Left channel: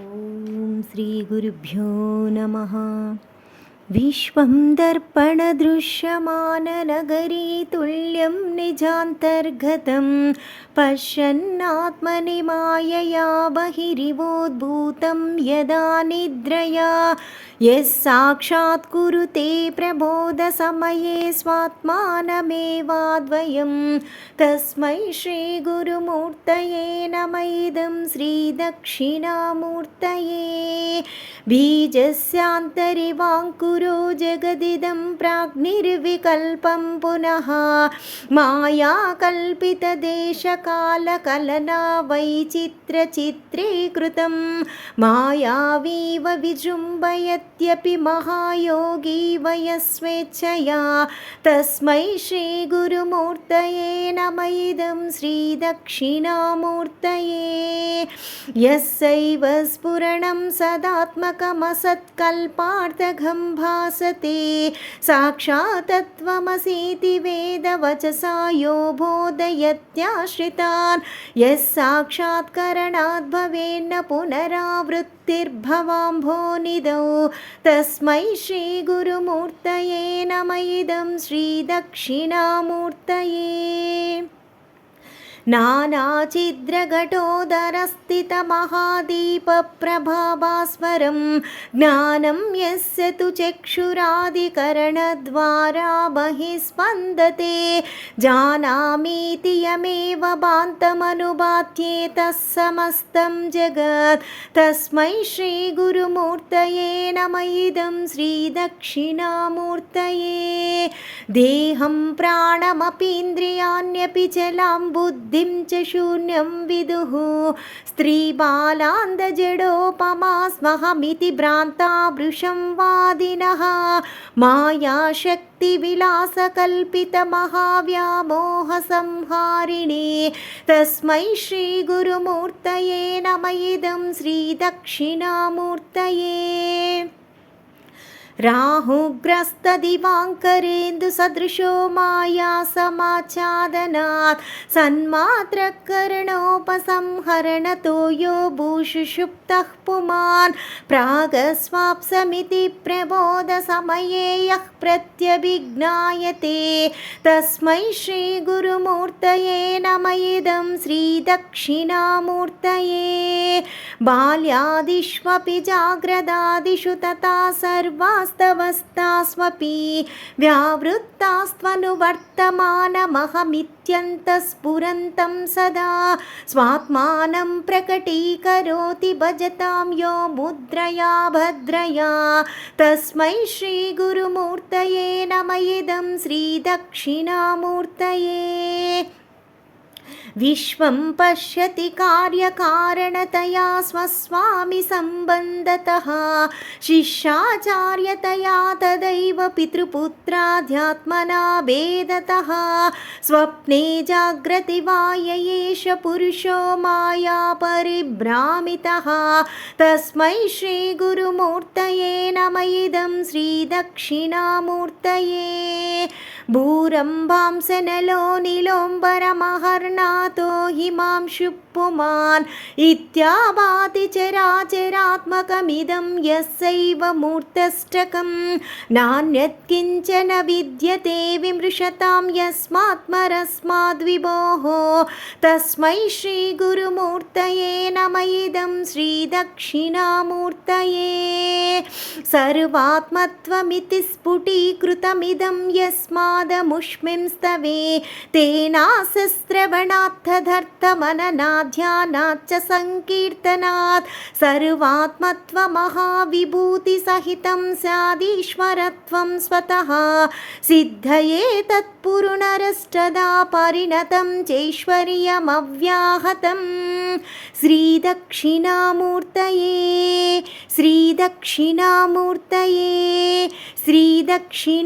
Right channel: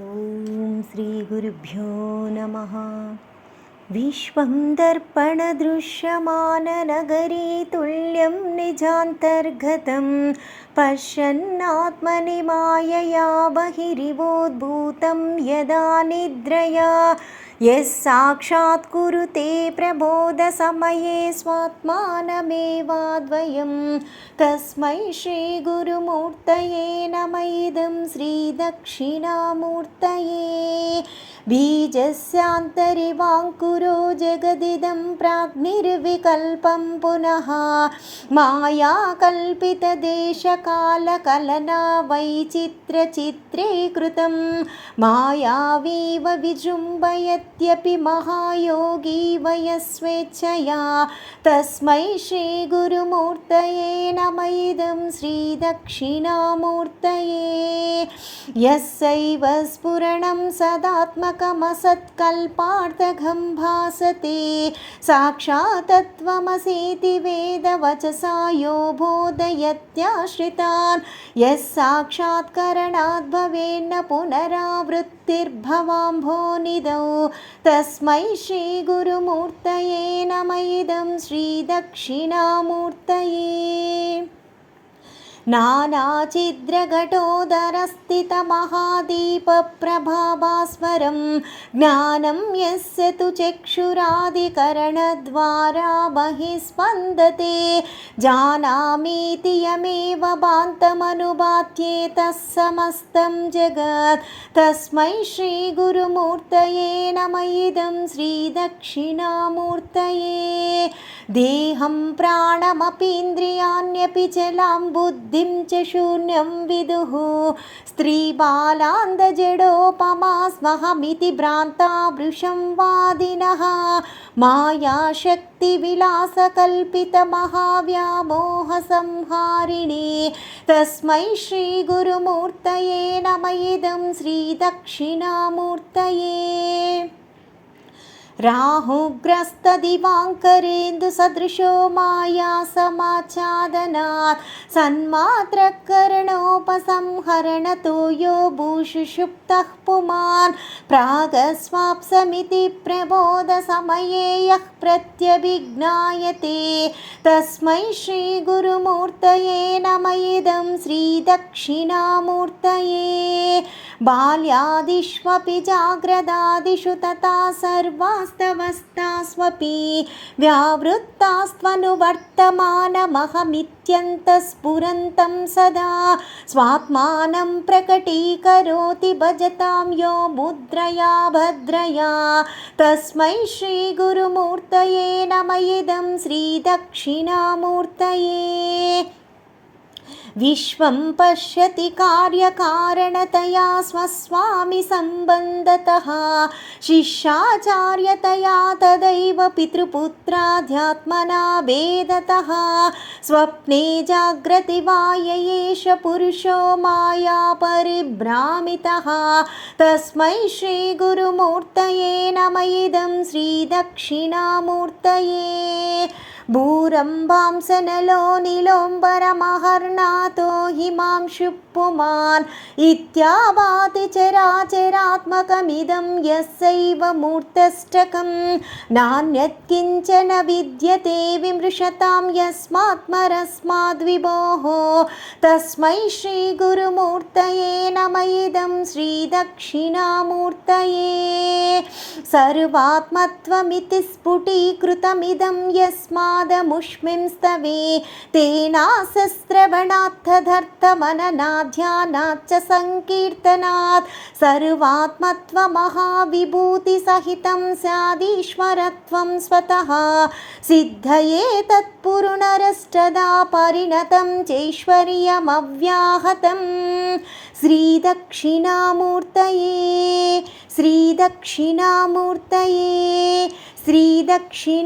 ॐ श्रीगुरुभ्यो नमः। विश्वं दर्पणदृश्यमाननगरे तुल्यं निजान्तर्गतं पश्यन्नात्मनि मायया बहिरिवोद्भूतं यदा निद्रया यः साक्षात् कुरुते प्रबोधसमये स्वात्मानमेवाद्वयं तस्मै श्रीगुरुमूर्तये नम इदं श्रीदक्षिणामूर्तये। बीजस्यान्तरिवाङ्कुरो जगदिदं प्राग्निर्विकल्पं पुनः मायाकल्पितदेशकालकलना वैचित्रचित्रे कृतं मायावीव विजृम्भयत्यपि महायोगी वयस्वेच्छया तस्मै श्रीगुरुमूर्तये नम इदं श्रीदक्षिणामूर्तये। यस्यैव स्फुरणं सदात्मकमसत्कल्पार्थकं भासते साक्षात् तत्त्वमसीति वेदवचसा यो बोधयत्याश्रितान् यः साक्षात्करणाद् भवेन्न पुनरावृत्तिर्भवाम्भोनिधौ तस्मै श्रीगुरुमूर्तये नम इदं श्रीदक्षिणामूर्तये। नानाचिद्रघटोदरस्थितमहादीपप्रभाभास्वरं ज्ञानं यस्य तु चक्षुरादिकरणद्वारा बहिः स्पन्दते जानामीति यमेव भान्तमनुभात्येतः समस्तं जगत् तस्मै श्रीगुरुमूर्तये नम इदं श्रीदक्षिणामूर्तये। देहं प्राणमपीन्द्रियाण्यपि चलां बुद्धिं च शून्यं विदुः स्त्रीबालान्धजडोपमा स्महमिति भ्रान्ता वृषं वादिनः मायाशक्तिविलासकल्पितमहाव्यामोहसंहारिणे तस्मै श्रीगुरुमूर्तये नम इदं श्रीदक्षिणामूर्तये। राहुग्रस्तदिवाङ्करेन्दुसदृशो माया समाच्छादनात् सन्मात्रकरणोपसंहरणतो यो भूषुषुप्तः पुमान् प्रागस्वाप्समिति प्रबोधसमये यः प्रत्यभिज्ञायते तस्मै श्रीगुरुमूर्तये नम इदं श्रीदक्षिणामूर्तये। बाल्यादिष्वपि जाग्रदादिषु तथा सर्वास्तवस्थास्वपि व्यावृत्तास्त्वनुवर्तमानमहमित्यन्तःस्फुरन्तं सदा स्वात्मानं प्रकटीकरोति भजतां यो मुद्रया भद्रया तस्मै श्रीगुरुमूर्तये नम इदं श्रीदक्षिणामूर्तये। विश्वं पश्यति कार्यकारणतया स्वस्वामि सम्बन्धतः शिष्याचार्यतया तदैव पितृपुत्राध्यात्मना भेदतः स्वप्ने जाग्रति वा य एष पुरुषो माया परिभ्रामितः तस्मै श्रीगुरुमूर्तये नम इदं श्रीदक्षिणामूर्तये। भूरम्भांसनलो नीलोम्बरमहर्नाथो हिमांशु पुमान् इत्याभाति चराचरात्मकमिदं यस्यैव मूर्तष्टकं नान्यत् किञ्चन विद्यते विमृशतां यस्मात्मरस्माद्विभोः तस्मै श्रीगुरुमूर्तये नम इदं श्रीदक्षिणामूर्तये। सर्वात्मत्वमिति स्फुटीकृतमिदं यस्मादमुष्मिं स्तवे तेनासस्रवणात्तदर्थमननाध्यानाच्च संकीर्तनात् सर्वात्मत्वमहाविभूतिसहितं स्यादीश्वरत्वं स्वतः सिद्धये तत्पुरुनरष्टदा परिणतं चैश्वर्यमव्याहतं श्रीदक्षिणामूर्तये श्रीदक्षिणामूर्तये। श्रीदक्षिणामूर्तये।